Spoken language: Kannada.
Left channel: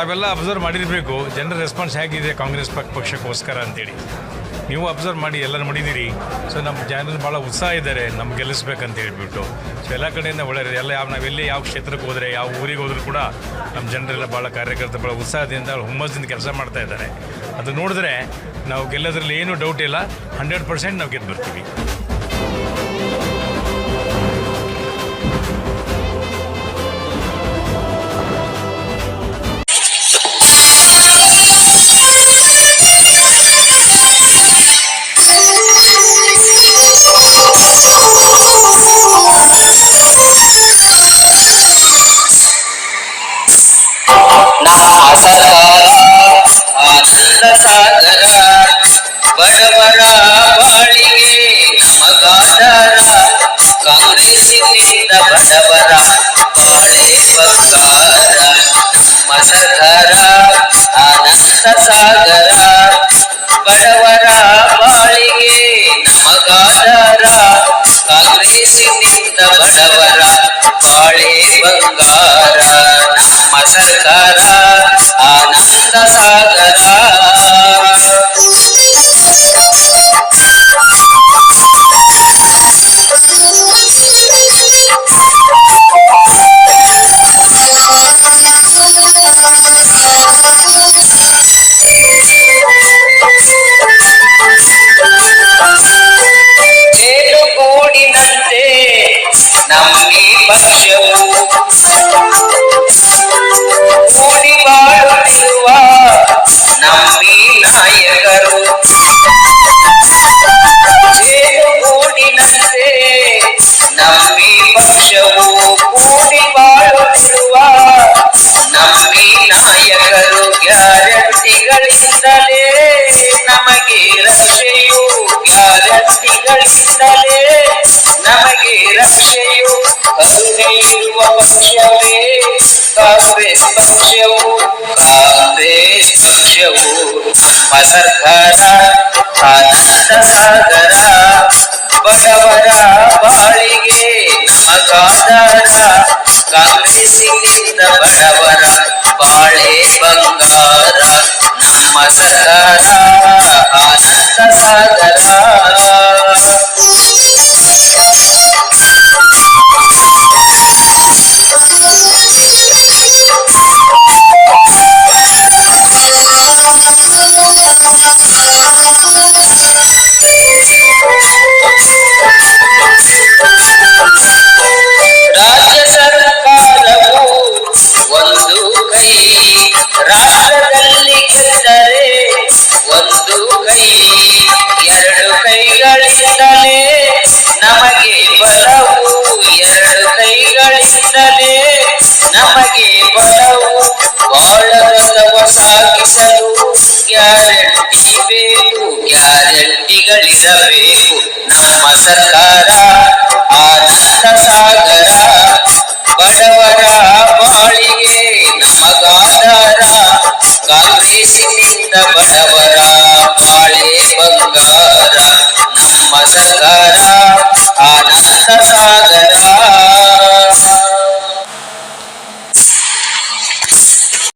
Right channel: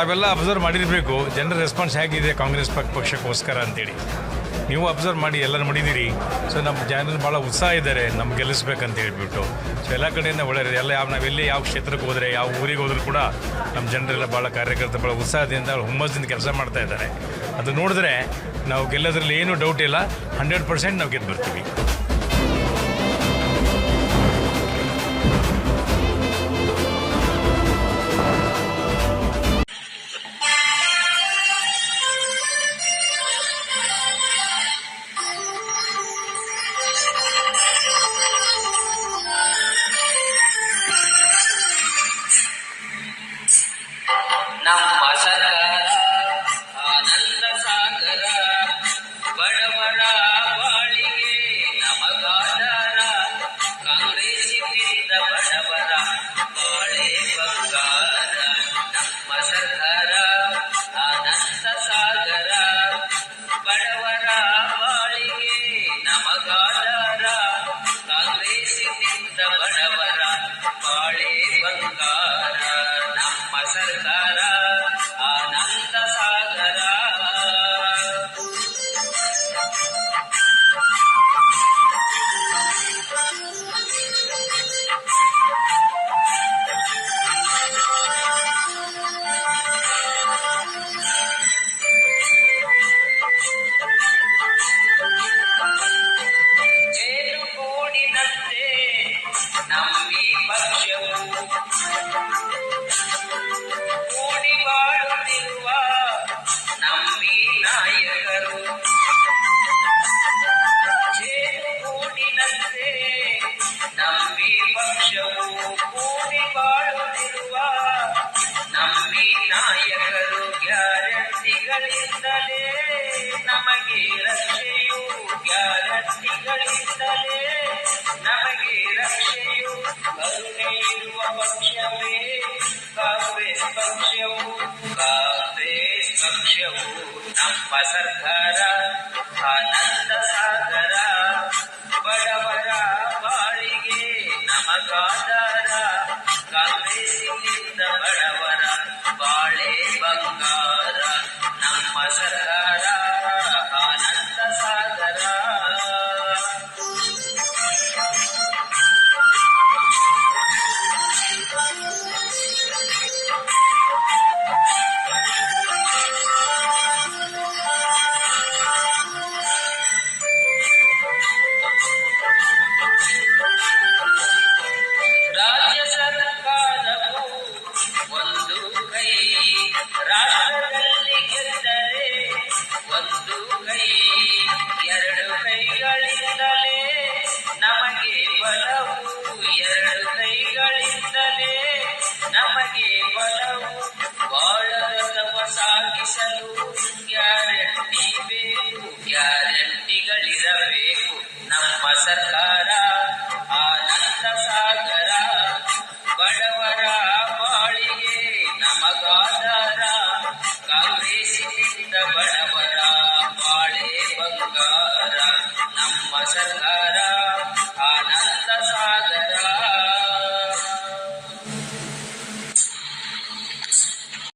ತಾವೆಲ್ಲ ಅಬ್ಸರ್ವ್ ಮಾಡಿರಬೇಕು. ಜನರ ರೆಸ್ಪಾನ್ಸ್ ಹೇಗಿದೆ ಕಾಂಗ್ರೆಸ್ ಪಕ್ ಪಕ್ಷಕ್ಕೋಸ್ಕರ ಅಂತೇಳಿ. ನೀವು ಅಬ್ಸರ್ವ್ ಮಾಡಿ, ಎಲ್ಲರೂ ಮಾಡಿದ್ದೀರಿ. ಸೊ ನಮ್ಮ ಜನರು ಭಾಳ ಉತ್ಸಾಹ ಇದ್ದಾರೆ, ನಮ್ಗೆ ಗೆಲ್ಲಿಸ್ಬೇಕಂತ ಹೇಳ್ಬಿಟ್ಟು. ಸೊ ಎಲ್ಲ ಕಡೆಯಿಂದ ಒಳ್ಳೆಯದು ಎಲ್ಲ ಯಾವ ನಾವೆಲ್ಲಿ ಯಾವ ಕ್ಷೇತ್ರಕ್ಕೆ ಹೋದರೆ, ಯಾವ ಊರಿಗೆ ಹೋದರೂ ಕೂಡ ನಮ್ಮ ಜನರೆಲ್ಲ ಭಾಳ ಕಾರ್ಯಕರ್ತರು ಭಾಳ ಉತ್ಸಾಹದಿಂದ ಹುಮ್ಮಸ್ಸಿಂದ ಕೆಲಸ ಮಾಡ್ತಾ ಇದ್ದಾರೆ. ಅದು ನೋಡಿದ್ರೆ ನಾವು ಗೆಲ್ಲೋದ್ರಲ್ಲಿ ಏನೂ ಡೌಟ್ ಇಲ್ಲ. ಹಂಡ್ರೆಡ್ ಪರ್ಸೆಂಟ್ ನಾವು ಗೆದ್ದು ಬರ್ತೀವಿ ಬಡವರ ಬಾಳಿಗೆ ನಮಗಾಧಾರ ಕಾಂಗ್ರೆಸ್ಸಿನಿಂದ ಬಡವರ ಬಾಳೆ ಬಂಗಾರ. ನಮ್ಮ ಆನಂದ ಸಾಗರ. ಬಡವರ ಬಾಳಿಗೆ ನಮಗಾಧಾರ ಕಾಂಗ್ರೆಸ್ಸಿನಿಂದ ಬಡವರ ಬಾಳೆ ಬಂಗಾರ. ನಮ್ಮ ಸರ್ಕಾರ ನಮ್ಮಿ ಪಕ್ಷವು ಕೂಡಿ ಬಾಳುತ್ತಿರುವ ನಮ್ಮಿ ನಾಯಕರು ಜೇನುಗೂಡಿನಂತೆ ನಮ್ಮಿ ಪಕ್ಷವು ಕೂಡಿ ಬಾಳುತ್ತಿರುವ ನಮ್ಮಿ ನಾಯಕರು ಗ್ಯಾರಂಟಿಗಳಿಂದಲೇ ನಮಗೆ ರಕ್ಷೆಯು ಗ್ಯಾರಂಟಿಗಳಿಂದಲೇ ಪಕ್ಷವೇ ಕಾಂಗ್ರೆಸ್ ಪಕ್ಷವು ಕಾಂಗ್ರೆಸ್ ಪಕ್ಷವು ನಮ್ಮ ಸರ್ಕಾರ ಆನಂದ ಸಾಗರ ಬಡವರ ಬಾಳಿಗೆ ನಮಗಾಧಾರ ಕಾಂಗ್ರೆಸ್ಸಿನಿಂದ ಬಡವರ ಬಾಳೆ ಬಂಗಾರ ನಮ್ಮ ಸರ್ಕಾರ ಆನಂದ ಸಾಗರ ಕೈಗಳಿಂದಲೇ ನಮಗೆ ಬಲವು ಎರಡು ಕೈಗಳಿಂದಲೇ ನಮಗೆ ಬಲವು ಬಾಳರಥವ ಸಾಗಿಸಲು ಗ್ಯಾರಂಟಿ ಬೇಕು, ಗ್ಯಾರಂಟಿಗಳಿರಬೇಕು. ನಮ್ಮ ಸರ್ಕಾರ ಆನಂದ ಸಾಗರ, ಬಡವರ ಬಾಳಿಗೆ ನಮಗಾಧಾರ. ಕಾಂಗ್ರೆಸ್ಸಿನಿಂದ ಬಡ ಸತ್ಕಾರ